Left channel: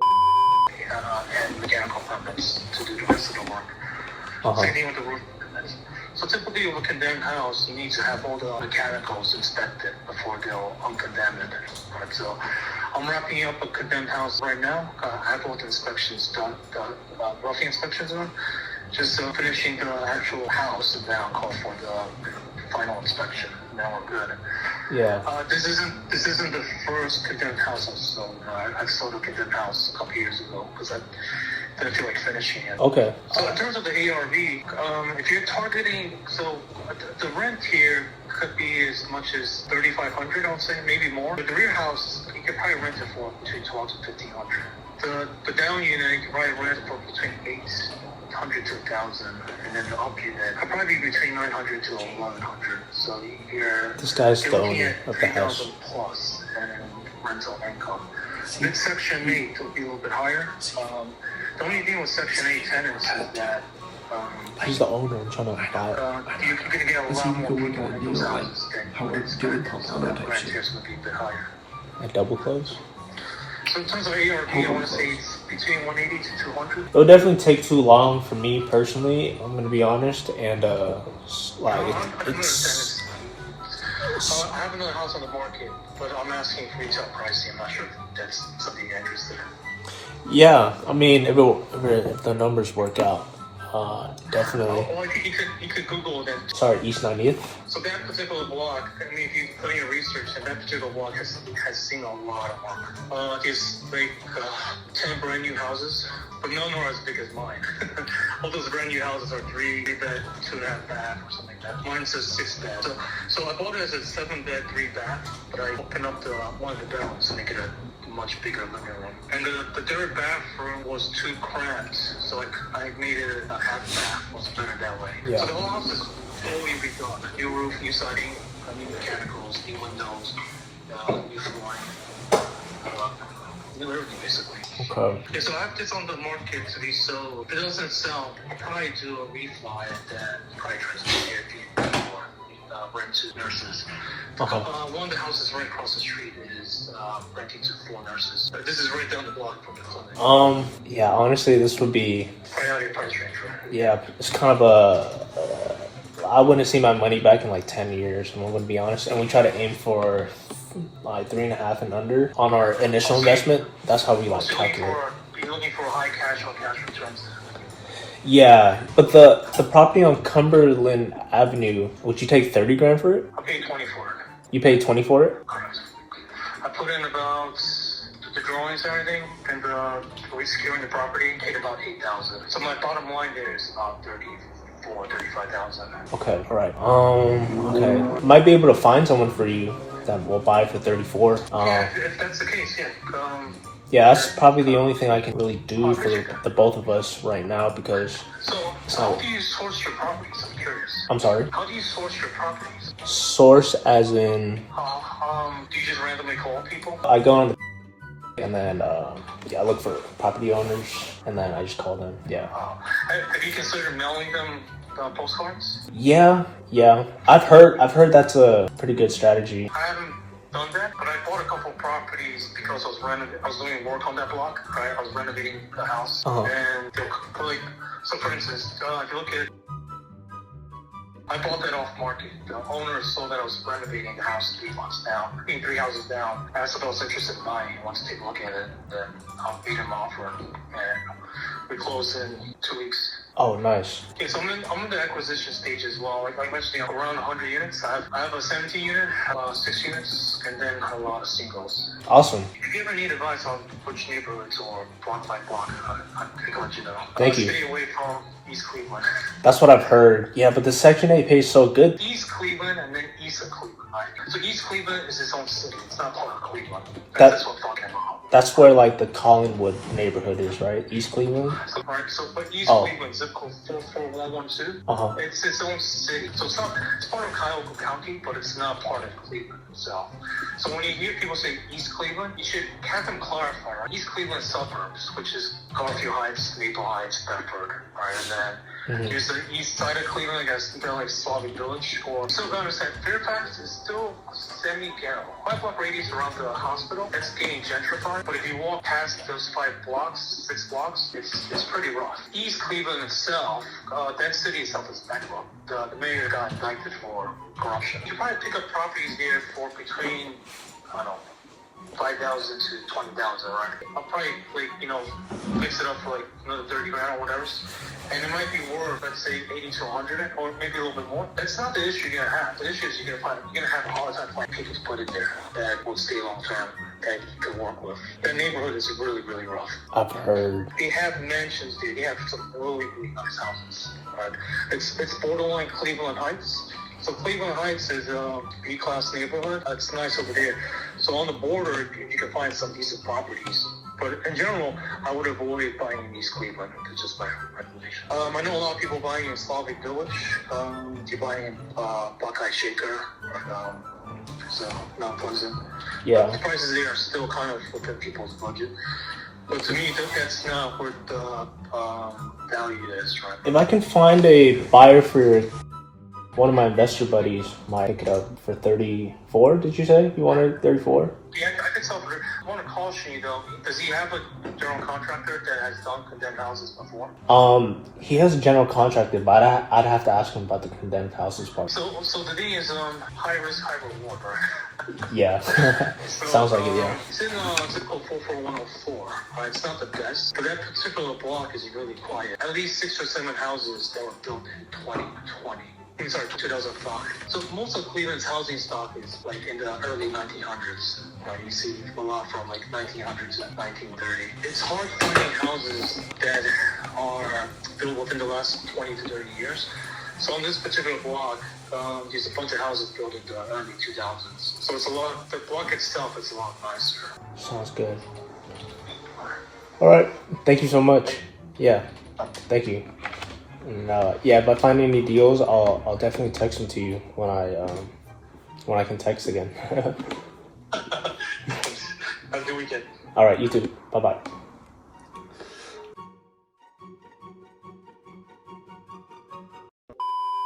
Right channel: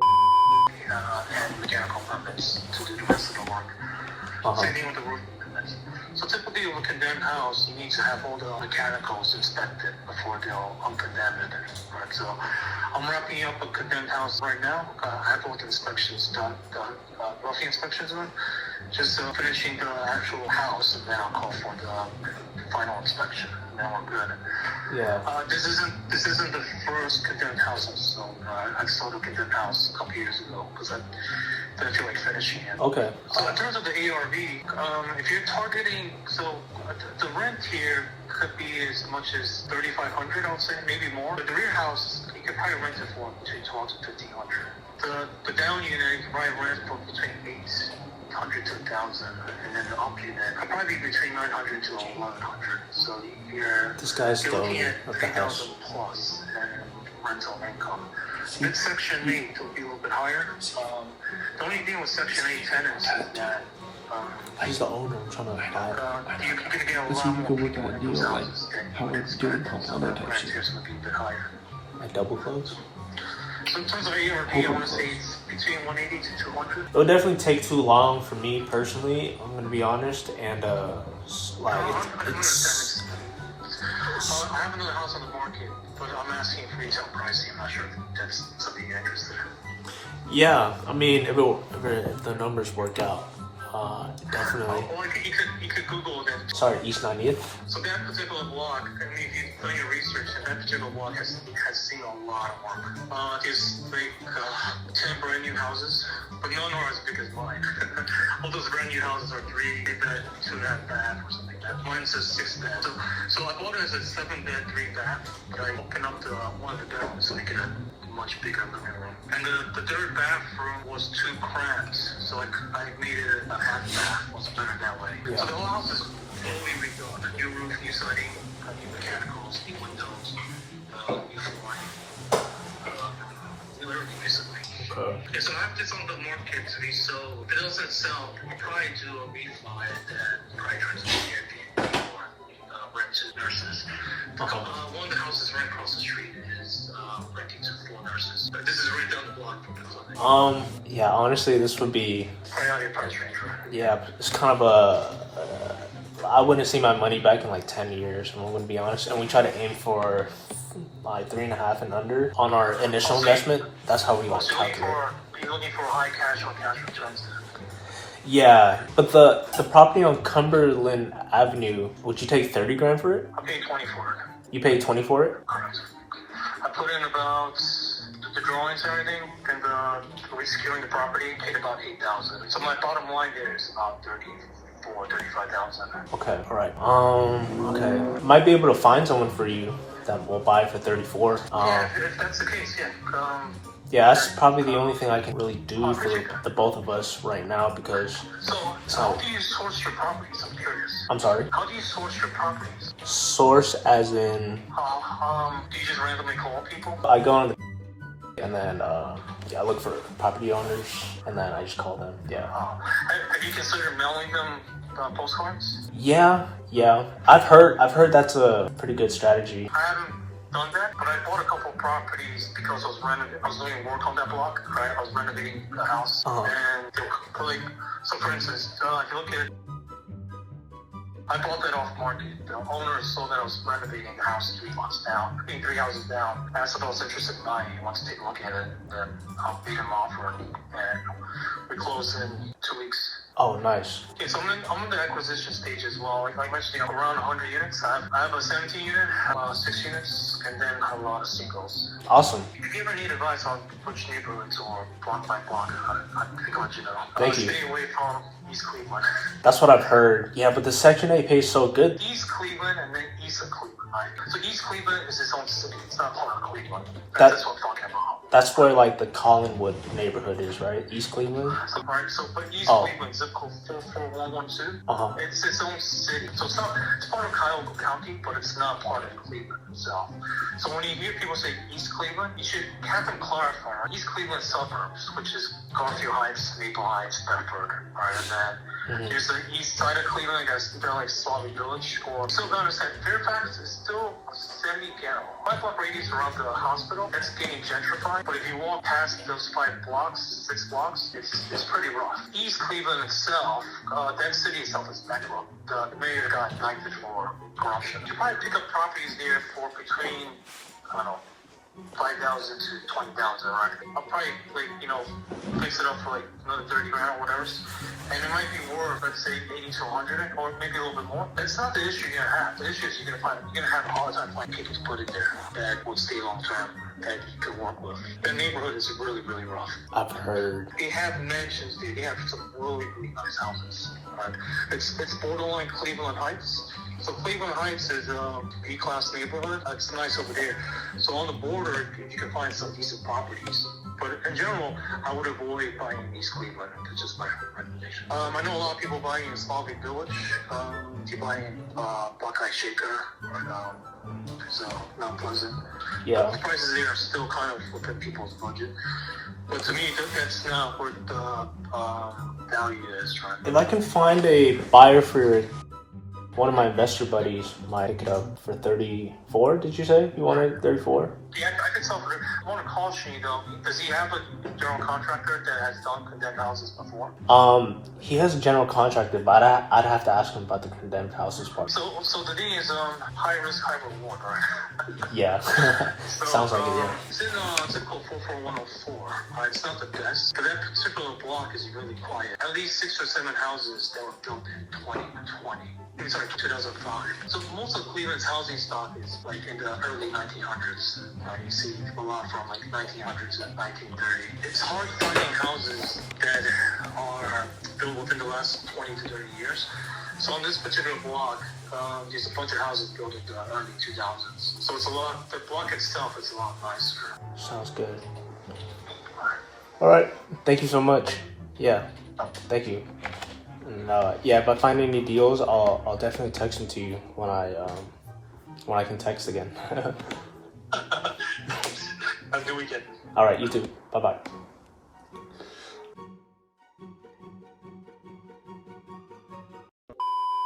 and mechanical permits to do the rest of the work. Same thing with the roof. So typically with a condemned house, you need to have all the mechanicals inspected before they'll uncondemn it. Right, so I'm wrapping up a condemned house right now. I have all the inspections done, roofing inspections done. Just finishing the actual house, and now I'll call for the final inspection. Now we're good. Yeah. This isn't the first condemned house I've sold. I sold a condemned house a couple years ago because I didn't feel like finishing it. Okay. So in terms of the ARV, if you're targeting, so the rent here could be as much as $3,500, I would say, maybe more. But the rear house, you could probably rent it for between $1,200 to $1,500. The down unit, you could probably rent for between $800 to $1,000, and then the up unit could probably be between $900 to $1,100. So this guy's the owner of the house. $3,000 plus and rental income. Mid-Section 8 will be a little bit higher. The only thing with Section 8 tenants is that he's the owner. I'm trying to buy it. you're going to get a lot more people in those houses than units. So the rent here is going to be a bit higher. I double close. So in terms of ARV, I want to say it's between 180 to 200. It would definitely take too long for me personally. I'm gonna be honest, and like it's. I have another house on the market, but I'm asking for retail pricing. I'm not sure if that's something you're interested in. Yeah, I mean, if the numbers work out, definitely. Or you could Google them. Sorry, East 90th. So that particular block, I mean, if you put in your research, and that particular block has seen a lot of work. There's like 10 brand new houses, but none are as big as mine. All those brand new houses are 3 bed, 2.5 bath, or something like that. Mine's a 6 bed. So I bought it as a 7 bed, 3 bath, but I opened up one of the bedrooms to make it a much bigger living room. And the third bathroom was too cramped, so I made it a half bath. Was better that way. Yeah. So the whole house is fully redone. New roof, new siding, new mechanicals, new windows, new flooring, new everything basically. Okay. Yeah, so I have this on the market to be sold. If it doesn't sell, I'll probably do a refi at that price range for rent to nurses. One of the houses right across the street is renting to 4 nurses. This is right down the block from the clinic. Yeah, honestly, this would be. Right out of your price range, right? Yeah, it's kind of I wouldn't see my money back in like 10 years, I'm going to be honest. And we try to aim for like 3.5 and under on our initial investment. That's how we like calculate. You're looking for high cash on cash returns. Yeah, but the property on Cumberland Avenue, would you take 30 grand for it? I paid 20 for it. You paid 20 for it? Correct. I put in about the drawings and everything, and securing the property, paid about 8,000. So my bottom line there is about 35,000. Okay, all right. Okay, might be able to find someone for you that will buy it for 34. Yeah, if that's the case, yeah. Yeah, that's probably the only thing I can really do for the both of us right now because. So how do you source your properties? I'm curious. I'm sorry? How do you source your properties? Source as in. Do you just randomly call people? I go on the and then I look for property owners and then I just call them. Yeah. Have you considered mailing them postcards? Yeah. I've heard that's a pretty good strategy. I haven't done that, but I bought a couple properties because I was doing work on that block, right? I was renovating the house, and they'll like, so for instance, if you look at, I bought that off market. The owner saw that I was renovating the house 3 months down, 3 houses down. I asked if I was interested in buying. He wants to take a look at it, then I'll beat him offer, and we close in 2 weeks. Oh, nice. Okay, so I'm in the acquisition stage as well. Like I mentioned, around 100 units. I have a 17 unit, 6 units, and then a lot of singles. Awesome. If you ever need advice on which neighborhoods or block by block, I can let you know. Thank you. Stay away from East Cleveland. That's what I've heard. Yeah, but the Section 8 pays so good. East Cleveland and then east of Cleveland, right? So East Cleveland is its own city. It's not part of Cleveland. That's what I'm talking about. That's where like the Collinwood neighborhood is, right? East Cleveland? But East Cleveland, zip code 44112, it's its own city. So it's part of Cuyahoga County, but it's not part of Cleveland itself. So when you hear people say East Cleveland, you should have them clarify, right? East Cleveland suburbs, which is Garfield Heights, Maple Heights, Bedford, right? And then There's the east side of Cleveland, I guess, kind of like Slavic Village, or still don't understand. Fairfax is still semi-ghetto. 5 block radius around the hospital, that's getting gentrified. But if you walk past those 6 blocks, it's pretty rough. East Cleveland itself, that city itself is bankrupt. The mayor got indicted for corruption. You probably pick up properties there for between, I don't know, 5,000 to 20,000, right? I'll probably fix it up for like another 30 grand or whatever. And it might be worth, let's say, 80 to 100, or maybe a little bit more. That's not the issue you're gonna have. The issue is you're gonna have a hard time finding people to put in there that would stay long term, that you can work with. The neighborhood is really, really rough. I've heard. They have mansions there. They have some really, really nice houses. Right? It's borderline Cleveland Heights. So Cleveland Heights is a B-class neighborhood. It's nice over there. So on the border, you can find some decent properties. But in general, I would avoid buying in East Cleveland. It's just my recommendation. I know a lot of people buying in Slavic Village. You're buying in Buckeye Shaker, so Mount Pleasant. Yeah. The prices there are still kind of within people's budget. But to me, that's not where the value is, right? If I can find a buyer for one of my investor buddies, might pick it up for 34. Did you say you wanted 34? Yeah, I can sell for it. I want to caution you though. Does he have a general contractor that has done condemned houses before? He has a general contractor, but I'd have to ask him about the condemned houses part. So the thing is, high risk, high reward, right? Yeah. Sounds like it, yeah. It's in zip code 44104. It's not the best, but that particular block is really quiet. At least 6 or 7 houses that were built in 2020. I'm sorry, 2005. So most of Cleveland's housing stock is like in the early 1900s. You see a lot from like 1900 to 1930. It's hard finding houses that are built within the last 20 to 30 years. So on this particular block, there's a bunch of houses built in the early 2000s. So it's a lot. The block itself is a lot nicer. Sounds good. All right. Thank you so much. Yeah. Thank you. And, yeah, if I find any deals, I'll definitely text them to you when I can text again. Have a good weekend. All right, you too. Bye bye.